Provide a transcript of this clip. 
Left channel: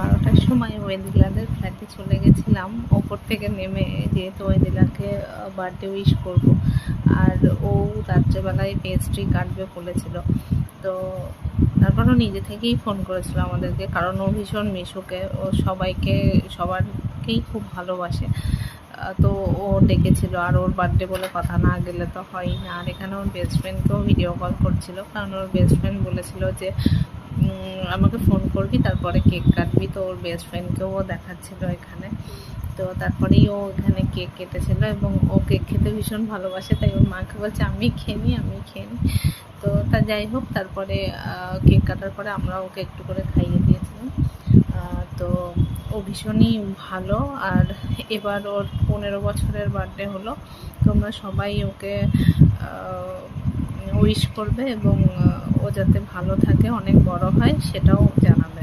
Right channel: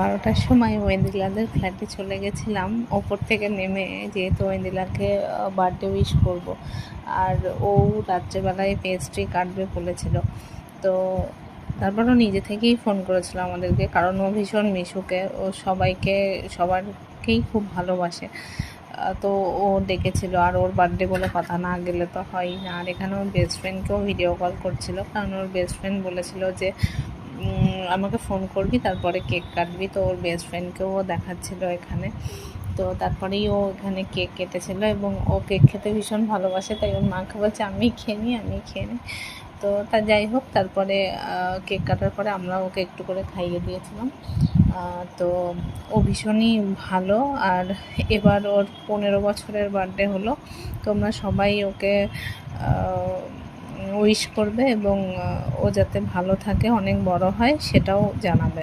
12টার সময় ওয়েন্দিলাদের ফ্ল্যাটে চলে গেছিলাম ওপর থেকে নেমে, যেহেতু ওয়েন্দিলাকে বার্থডে উইশ করব। আর ও রাত্রেবেলায় পেস্ট্রি কাটবে বলেছিল, তো তারপরও নিজে থেকেই ফোন করেছিল আমাদেরকে, কারণ ও ভীষণ মিশুকে, ও সবারকেই খুব ভালোবাসে। তো ও ডেকেছিল, আর ওর বার্থডে বলে কথা, না গেলে তো হয়ই না। আর এখানে ওর বেস্ট ফ্রেন্ডকেও ভিডিও কল করছিল, কারণ ওর বেস্ট ফ্রেন্ড বলেছিল যে আমাকে ফোন করবি, তারপরে কেক কাটবি। তো ওর বেস্ট ফ্রেন্ডকেও ও দেখাচ্ছিল এখানে। তো তারপরেই ও এখানে কেক কেটেছিল, এবং ও কেক খেতে ভীষণ ভালোবাসে, তাই ওর মাকে বলছে আমি খেয়ে নিই। তো তা যাই হোক, তারপরে কেক কাটার পরে আমরা ওকে একটু করে খাইয়ে দিয়েছিলাম। তো ও ভীষণই ভালো। আর এবার ওর 15 বছরের বার্থডে হলো। তোমরা সবাই ওকে উইশ করবে, এবং ও যাতে ভালো থাকে, অনেক বড় হয়, সেটাও জানাবে।